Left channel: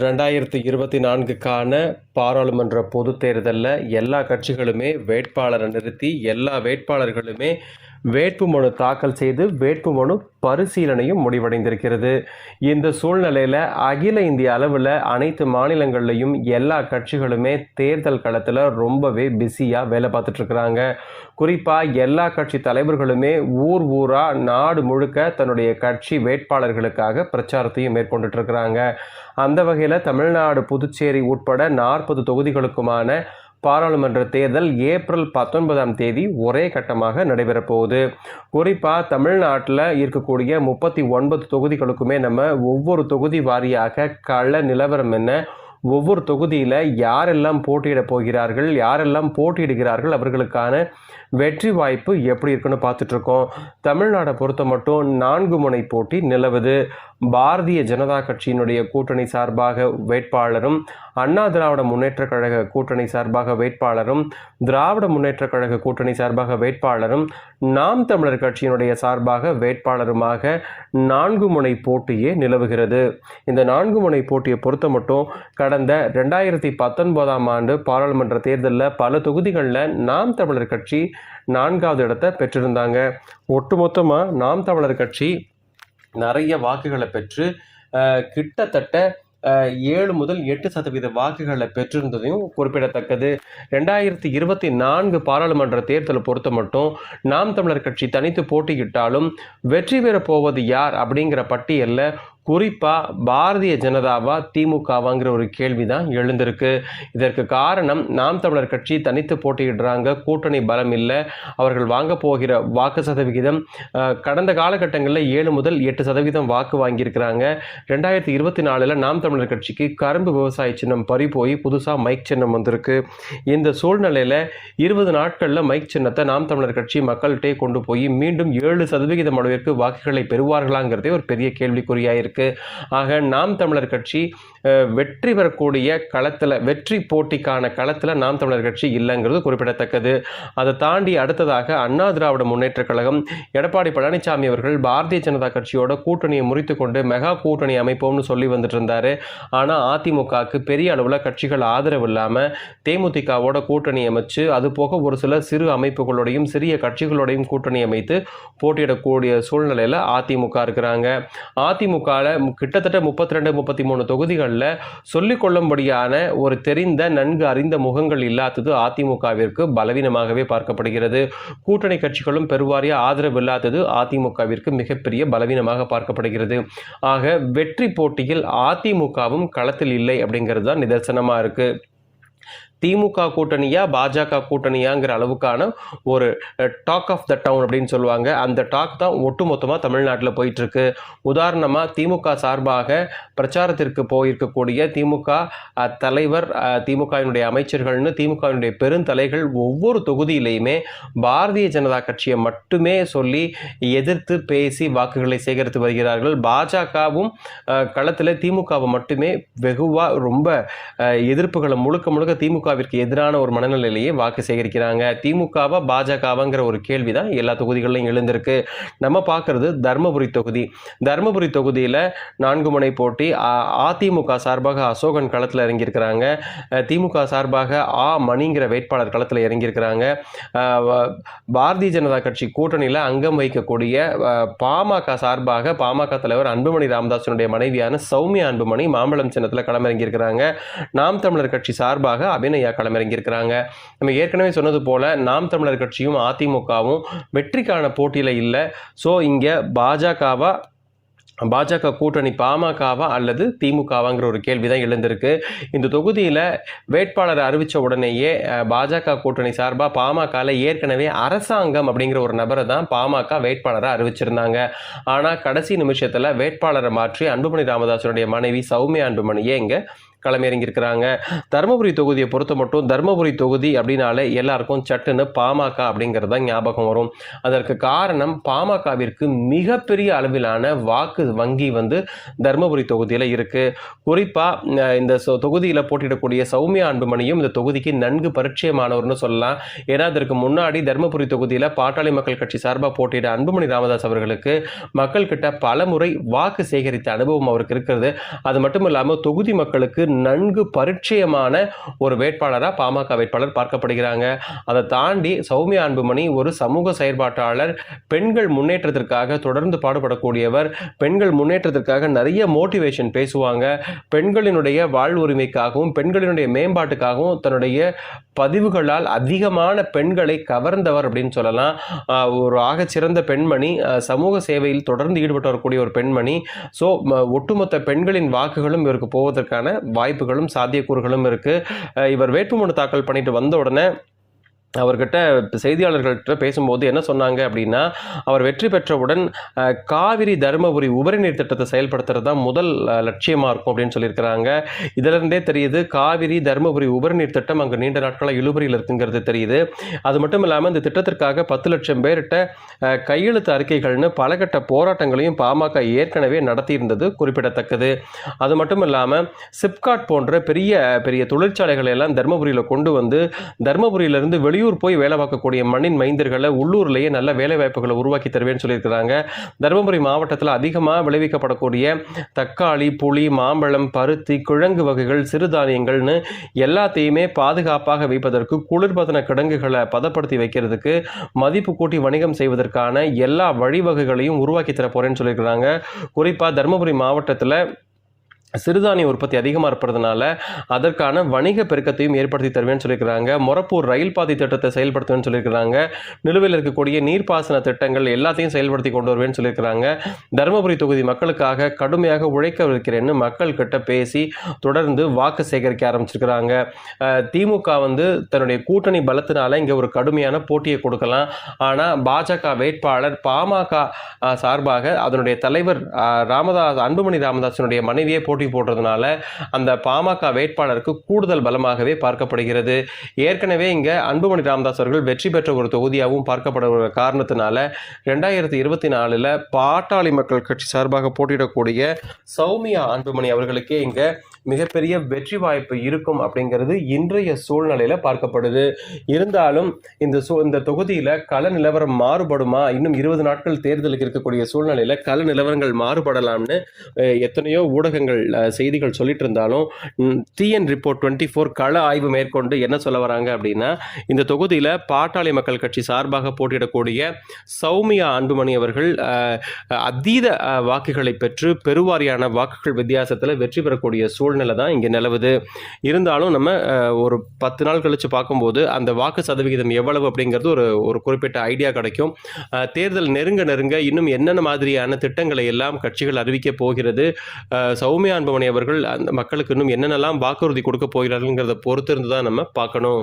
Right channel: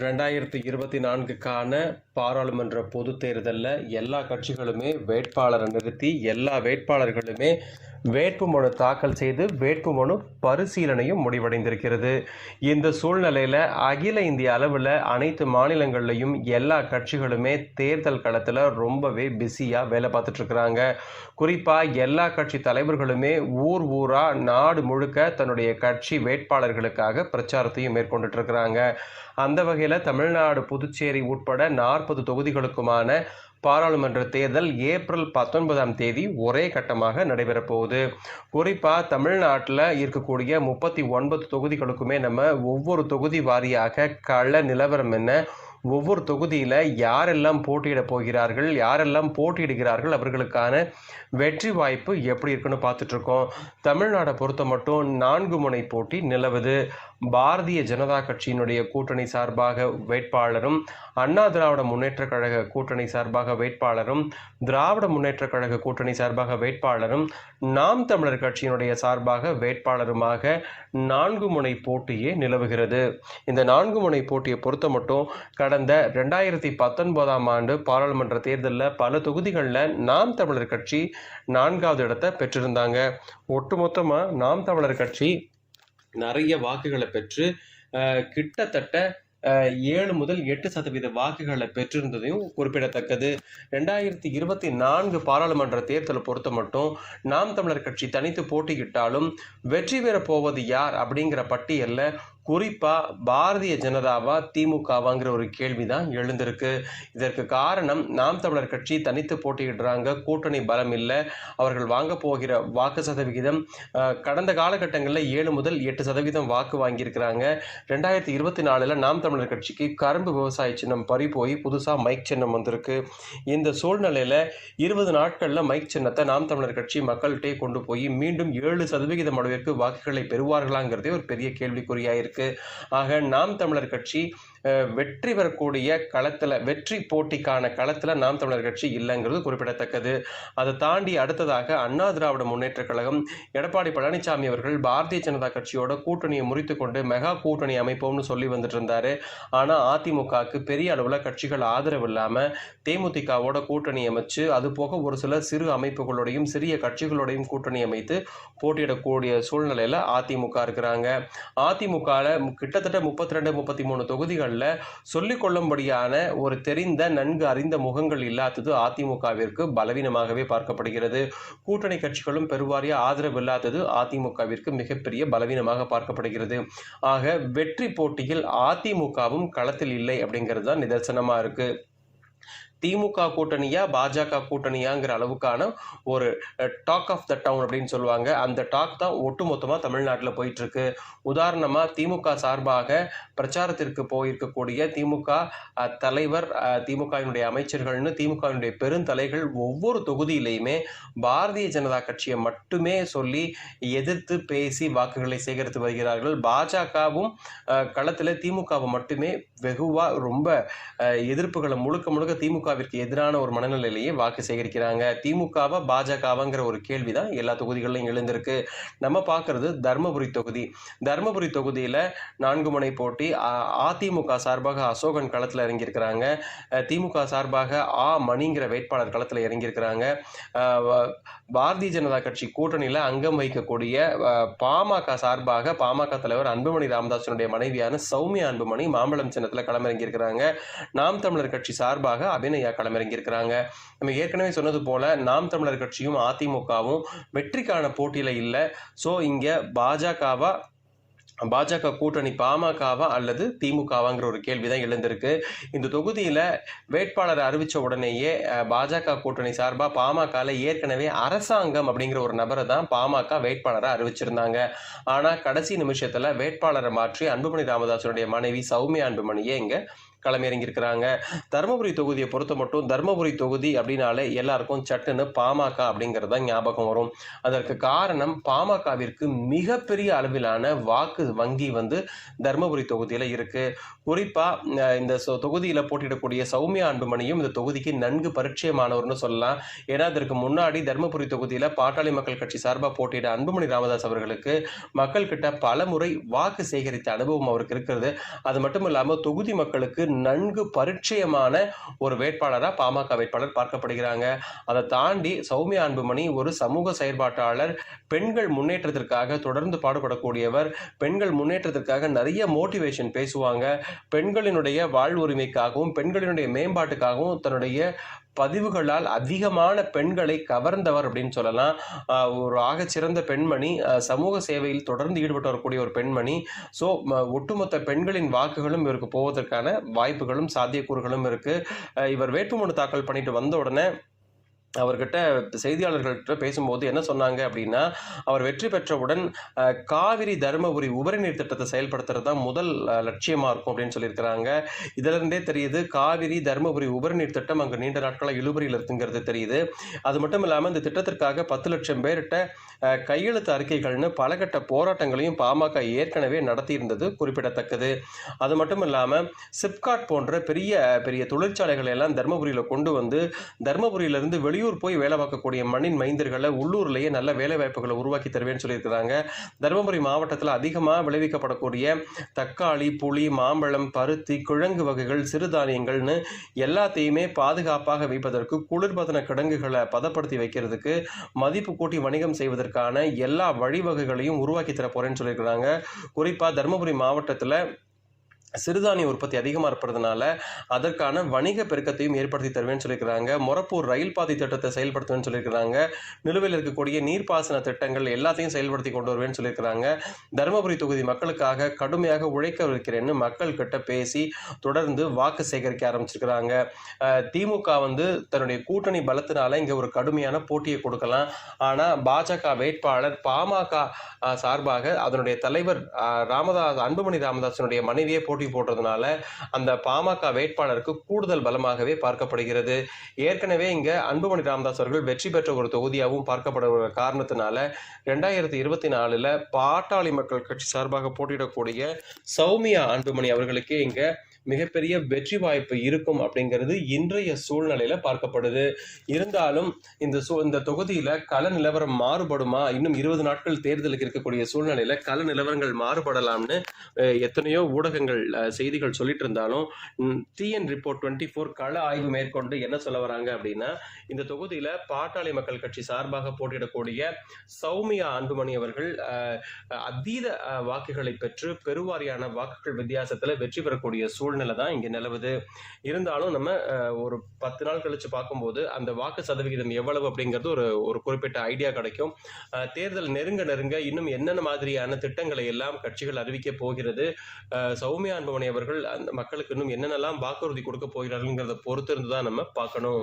2024க்கான பாராளுமன்ற பொதுத் தேர்தலில் எல்லா கட்சிகளுமே வேட்பாளரை நிறுத்தி எல்லா வேட்பாளர்களுமே வேட்புமனு தாக்கல் செய்து வேட்புமனு பரிசீலனையும் முடிவடைந்திருக்கிறது. இந்த சூழ்நிலையில் அகில இந்திய அளவில் அனைத்து மாநிலங்கள்லையும் எல்லா கட்சிகளுமே தேர்தல் களத்தில் ரொம்பவே பிஸியாக வேலை பார்த்துட்டு இருக்கிறாங்க. குறிப்பாக எல்லா கட்சி தலைவர்களுமே ஊராக நாடு முழுக்க தன்னுடைய கட்சி வேட்பாளர்களுக்காக பிரச்சாரத்தையும் மேற்கொண்டுட்டு இருக்கிறாங்க. அந்த வகையில் தமிழ்நாடு, புதுச்சேரி உட்பட 40 தொகுதிகளுக்குமான பாராளுமன்ற தேர்தல் ஏப்ரல் 19ஆம் தேதி ஒரே கட்டமாக நடைபெறப் போகுது. குறிப்பாக தமிழ்நாட்டில் இருக்கக்கூடிய 39 தொகுதிகளுக்குமே நம்ம ஒவ்வொரு தொகுதி வாரியாக கள நிலவரம் என்ன, ஒவ்வொரு தொகுதியில் யாரெல்லாம் போட்டியிட போகிறார்கள், யாரெல்லாம் போட்டியிடுகிறார்கள், அவர்களுக்கான வெற்றி வாய்ப்பு எப்படி இருக்குன்னு பார்த்துட்ருக்கோம். தமிழ்நாடை பொறுத்த மட்டும் 4 முனை போட்டி நிலவுது. பாரதிய ஜனதா கட்சியினுடைய கூட்டணி சார்பாக வேட்பாளரும், அண்ணா திராவிட முன்னேற்ற கழக கூட்டணி சார்பாக வேட்பாளரும், திராவிட முன்னேற்ற கழக கூட்டணி சார்பாக வேட்பாளரும், நாம் தமிழர் கட்சியினுடைய சார்பாக வேட்பாளருமாக 4 முனை போட்டியே நிலவுகிறது. இந்த 4 முனை போட்டியை பொறுத்த மட்டும் கடந்த 2019ஆம் ஆண்டு பாராளுமன்ற தேர்தலில் பல தொகுதிகளில் நாம் தமிழர் கட்சி 4வது இடத்தை பெற்றிருந்தாங்க. ஒட்டுமொத்தமாக நாம் தமிழர் கட்சி நிறைய வாக்குகளை பெற்று கிட்டத்தட்ட 7 முதல் 8% வாக்குகளை பெற்றிருந்ததையும் குறிப்பிடத்தக்கது. 2024 பாராளுமன்ற தேர்தலை பொறுத்த மட்டும் நாம் தமிழர் கட்சி தனித்து போட்டியிட்டாலும் வெற்றி பெறப் போவது யார் அப்படிங்கிற பட்டியலில் குறிப்பாக பாரதிய ஜனதாவா திமுகவாங்கிற ஒரு கேள்வி தான் எழுந்திருக்கு. இதற்கு காரணம் நாம் தமிழர் கட்சி தனித்து போட்டியிடுறாங்க, கூட்டணி பலம் இல்லை, அவர்கள் வாங்க போகிற வாக்கு சதவிகிதம் கடந்த காலகட்டங்களில் 7 முதல் 8% வாக்கு வாங்கியிருக்கிறாங்க. 2024 நாம் தமிழர் கட்சிக்கு கரும்பு விவசாய சின்னம் பறி போய் புதுசாக மைக் சின்னம் வந்திருக்கு. இந்த சூழ்நிலையில் 20 நாட்களில் மைக் சின்னத்தை நாம் தமிழர் கட்சி மக்கள்கிட்டே கொண்டு போய் மீண்டும் 7% அளவிற்கு வாக்குகளை பெறுவார்களாங்கிறதே ஒரு பெரிய கேள்விக்குறியாயிருக்கு. ஆக நாம் தமிழர் கட்சி வெற்றி பெறக்கூடிய களத்தில், வெற்றி போட்டிக்கான களத்தில் நாம் தமிழர் கட்சி இல்லைங்கிறது குறிப்பிடத்தக்கது. அதை தாண்டி அடுத்ததாக அண்ணா திராவிட முன்னேற்ற கழகம், எடப்பாடி பழனிசாமி அவர்கள் பாரதிய ஜனதா கட்சியோட கூட்டணியை முறித்து கொண்டு மெகா கூட்டணி அமைப்போம்னு சொல்லி வந்துட்டு இருந்தாரு. ஆனால் அதிமுகவுக்கு பெரிய அளவில் கட்சிகள் ஆதரவு இல்லாமல் தேமுதிகவோட கூட்டணி அமைச்சு, அது போக ஒரு சில சிறு அமைப்புகளோடையும் சிறிய கட்சிகளோடையும் கூட்டணி அமைத்து போட்டியிடக்கூடிய சூழ்நிலையில் அதிமுக இருக்கிறாங்க. அதிமுகவில் கிட்டத்தட்ட 32-33 தொகுதிகள் சொல்லிக் கொள்ளும்படியான ஒரு தெரிந்த நன்கு அறிந்த முகங்கள் இல்லாதது அதிமுகவிற்கு பலவீனமாகவே பார்க்கப்படுகிறது. கூட்டணி கட்சிகளும் பெருவாரிய ஆதரவு இல்லாதது அதிமுகவிற்கு மிகப்பெரிய பலவீனமாக பார்க்கப்படுகிறது. ஆக வெற்றி போட்டியில் அதிமுகவும் களத்தில் இல்லை அப்படிங்கிறது தான் நிதர்சனமா இருக்கு. திமுக கூட்டணியா பாஜக கூட்டணியாங்கிற அளவுக்கான ஒரு டாக் ஆஃப் த டவுன் அப்படின்னு சொல்லுவாங்க. அந்த டாக் தான் ஒட்டுமொத்தமாக தமிழ்நாட்டில் போயிட்டு இருக்கு. உதாரணமாக திமுக சார்பாக பிரச்சாரத்திற்கு போயிருக்கக்கூடிய திமுக தலைவர், திமுகவினுடைய அமைச்சர்கள்னு திமுகவினுடைய பெருந்தலைகள் ஒவ்வொரு தொகுதியிலையுமே பாரதிய ஜனதா கட்சியை மட்டுமே சொல்லி எதிர்த்து பேசி வாக்குகளை சேகரித்து வருகிறார்கள். பாஜகவும் களத்தில் திமுகவை மட்டுமே வெகுவாக ரொம்ப எதிர்ப்புகளை முழுக்க திமுகவிற்கு எதிரான ஒரு மனநிலையிலேயே வாக்கு சேகரிக்கிறாங்க. திமுகவா பாஜகவாங்கிற ஒரு கேள்விதான் எல்லா தொகுதிகளிலும் எழுந்திருக்கு. நம்ம பார்க்கறது தர்மபுரி தொகுதி. தர்மபுரி தொகுதியில் 4 முனை போட்டி. அதிமுக சார்பாக அசோகன் களத்தில் இறங்கியிருக்கிறாங்க. திமுக சார்பாக மணிங்கிற வேட்பாளர் களத்தில் இறங்கியிருக்கிறாங்க. பாரதிய ஜனதா கட்சி கூட்டணியில் அங்கம் வகிக்கக்கூடிய பாமக சார்பாக பாமக தலைவர் அன்புமணி ராமதாசனுடைய மனைவியான சௌமியா அன்புமணி மாம்பழம் சின்னத்தில் களமிறங்கியிருக்கிறாங்க. நாம் தமிழர் கட்சி சார்பாக அபிநயா களமிறங்கியிருக்கிறாங்க. நம்ம ஏற்கனவே சொன்னது போல நாம் தமிழர் கட்சியும் அதிமுகவும் வெற்றிக்கான போட்டியில இல்லை. ஸோ இங்கே பாஜக கூட்டணி பாமகவா அல்லது திமுகவாங்கிற ஒரு கேள்விதான் எழுந்திருக்கு. இந்த தொகுதியில் வேட்பாளர் அறிவித்த உடனேயே பாஜக கூட்டணி சார்பாக பாமகவில் ஏற்கனவே அரசாங்கம் அப்படிங்கிற ஒரு நபரை தான் பாமக வேட்பாளரை அறிவிச்சிருந்தாங்க. ஆனால் கடைசி நிமிஷத்தில் வேட்பாளரை மாற்றி அன்புமணி ராமதாசனுடைய மனைவி சௌமியா அன்புமணியே இங்கே களமிறங்கியிருக்கிறாங்க. தருமபுரி தொகுதியை பொறுத்த மட்டும் தருமபுரி தொகுதி அப்படின்னாலே எல்லாருக்கும் சட்டுன்னு பாமக அப்படிங்கிறது தான் ஞாபகம் வரும். அதற்கு காரணம் பாமகவிற்கு மிகப்பெரிய அளவிலான வாக்கு வங்கி வந்து தருமபுரி தொகுதியில் இருக்கு. குறிப்பா இந்த தொகுதியில் போட்டியிடக்கூடிய சௌமியா அன்புமணியும் இந்த தொகுதிக்கு நன்கு பரிச்சயமானவர்னு சொல்லலாம். ஏன்னா அதற்கு முன்னாடி தருமபுரி தொகுதியில் பாட்டாளி மக்கள் கட்சி சார்பாக போட்டியிட அன்புமணி ராமதாஸ் அவர்களுக்கு மக்கள் கிட்ட பல முறை வாக்கு சேகரித்த அனுபவம் அவருக்கு இருக்கிறது. அது மட்டும் இல்லாமல் தொகுதி மக்களுக்கு நன்கு பரிச்சயமான ஒரு வேட்பாளராக பாமக வேட்பாளர் பார்க்கப்படுகிறாங்க. அதை தாண்டி சௌமியா அன்புமணி ஒரு சமூக செயற்பாட்டாளர், பெண்கள் முன்னேற்றத்திற்காக தொடர்ந்து பாடுபடக்கூடியவர், பெண்கள் முன்னேற்றத்திற்காக நிறைய மோட்டிவேஷன் பேசுவாங்க, பெண்களினுடைய வாழ்வுரிமைக்காகவும் பெண்களினுடைய மேம்பாட்டுக்காகவும் தன்னுடைய பதிவுகளால் அதிகமான பெண்களை கவர்ந்தவர் அப்படின்னு சொல்லலாம். ஒரு ஆகச்சிறந்த பெண்மணி, சமூக சேவையில் தொடர்ந்து ஈடுபட்டு வரக்கூடிய ஒரு பெண்மணி. ஸோ ஒட்டுமொத்த பெண்களின் வாக்குகளும் இவருக்கு போவதற்கான வாய்ப்புகளும் சாத்தியக்கூறுகளும் இருக்கு. இவர் வேட்புமனு தாக்கல் பண்ணிட்டு வந்த உடனே அவர்கிட்ட செய்தியாளர்கள்ட்ட பேசும்போது என்ன சொன்னாங்க அப்படின்னா, அவர் வெற்றி பெற்றவுடன் காவிரி தருமபுரி உபரிநீர் திட்டத்தை செயல்படுத்துறது தான் முதல் லட்சியமாக இருக்கும் அப்படின்னு சொல்லியிருக்கிறாங்க. இதிலிருந்தே தெரியுது காவிரி தருமபுரி உபரிநீர் திட்டம் அங்கே நீண்ட நாட்களாக இழுபறியில் இருக்குங்கிறது தெரியுது. அது மட்டும் இல்லாமல் இந்த திட்டத்திற்காக 10 லட்சம் பேர்கிட்ட கையெழுத்து அறிக்கைகள்னு பல கட்ட போராட்டங்களையும் பாமக ஏற்கனவே நடத்தியிருந்தது குறிப்பிடத்தக்கது. அது மட்டும் இல்லாமல் சிப்காட் போன்ற பெரிய பெரிய தொழிற்சாலைகளை எல்லாம் தருமபுரியில் கொண்டு வந்து தருமபுரியிலிருந்து வெளியூர் போய் வேலை பார்க்கக்கூடிய மண்ணின் மைந்தர்களை உள்ளூர்லேயே நல்ல வேலை வாய்ப்புகளை உருவாக்கி தருவேன்னு சொல்லியிருக்கிறாங்க. தருமபுரி மாவட்டத்தில் அதிகமாக விளைவிக்கப்படக்கூடிய தக்காளி, புளி, மாம்பழம், பருத்தி, கிழங்கு வகைகள், சிறுதானியங்கள்னு எல்லாத்தையுமே பாதுகாப்பாக வைப்பதற்கு குளிர்பதன கிடங்குகளை பதப்படுத்தி வைக்கிறதுக்கு மதிப்பு கூட்டி வணிகம் செய்வதற்கான எல்லா வழிவகைகளையும் உருவாக்கி தர போறேன்னு சொல்லியிருக்கிறாங்க. குறிப்பாக தருமபுரி மாவட்டத்தில் சிறுதானிய உற்பத்தி அதிகமாக இருப்பதுனால அதற்கான வணிக பெருக்கத்தையும் ஏற்படுத்தி தருவேன்னு சொல்லியிருக்கிறாங்க. மொரப்பூர் ரயில் பாதை திட்டத்தை செயல்படுத்துவேன்னு சொல்லியிருக்கிறாங்க. நிலுவையில் இருக்கக்கூடிய நீர்ப்பாசன திட்டங்கள் எல்லாத்தையும் செயல்படுத்தி கொண்டு வருவேன்னு சொல்லியிருக்கிறாங்க. தருமபுரி தொகுதி மக்களுக்காக கடுமையாக உழைக்க இருக்கிறேன்னு மக்கள் கிட்ட பேசி தொடர்ந்து வாக்கு சேகரிக்க ஆரம்பிச்சிருக்கிறாங்க. திமுக வந்து தன்னுடைய கூட்டணி பலத்தினால இங்கே ஒரு கடுமையான போட்டியை கொடுக்கலாம். ஆனால் பாஜக வேட்பாளர் பாமக சார்பாக அதனுடைய தலைவர் அன்புமணி ராமதாசனுடைய மனைவியை போட்டி போடுறதுனால அந்த பாமக வேட்பாளருக்கு கூடுதல் பலமாகவே பார்க்கப்படுகிறது. ஏற்கனவே இங்க அன்புமணி ராமதாஸ் அவர்கள் வெற்றி பெற்ற ஒரு தொகுதியாகவும் பார்க்கப்படுகிற காரணத்தினால 2024 பாட்டாளி மக்கள் கட்சி சார்பாக போட்டியிடக்கூடிய சௌமியா அன்புமணி அவர்களுக்கு இங்க மிகப்பெரிய வெற்றி வாய்ப்பு இருக்கும் அப்படிங்கிறது இன்றைய சூழ்நிலையில பார்க்கப்படுது. இருந்தாலும் இந்த தொகுதியில கள நிலவரம் மாறுபடுமா? இன்னும் 20 நாட்கள் தேர்தலுக்கு இருக்கக்கூடிய சூழ்நிலையில கள நிலவரங்கள் மாறுபடலாம்னு எத்தனையோ ஊடகங்கள் செய்திகள் சொல்லிட்டு இருந்தாலும் டிஎன் ரிப்போர்ட் 24 கள ஆய்வு மேற்கொண்டு என்ன சொல்ல வராங்க அப்படின்னா, இந்த தொகுதியில பாட்டாளி மக்கள் கட்சி சார்பாக போட்டியிடக்கூடிய சௌமியா அன்புமணி அவர்கள் அதீத வாக்குகளை பெற்று பெருவாரியான வாக்குகள் வித்தியாசத்தில் வெற்றி பெறக்கூடிய சூழ்நிலை தான் இங்கே நிலவுது. இருந்தாலும் நம்ம ஒரு 10 நாள் கழிச்சு பார்க்கும்போது அந்த வாக்கு சதவிகிதம் எவ்வளவு அப்படிங்கிறது ஒரு குறிப்பிட்ட ஐடியா கிடைக்கும். தேர்தல் நெருங்க இன்னும் என்னென்ன மாதிரியான திட்டங்களை எல்லாம் கட்சிகள் அறிவிக்க போகிறது, சௌமியா அன்புமணி அவர்கள் அந்த மக்களுக்கு இன்னும் என்னென்னலாம் வாக்குறுதி கொடுக்க போகிறார்கள்ங்கிறத பொறுத்திருந்து தான் நம்ம பார்க்கணும்.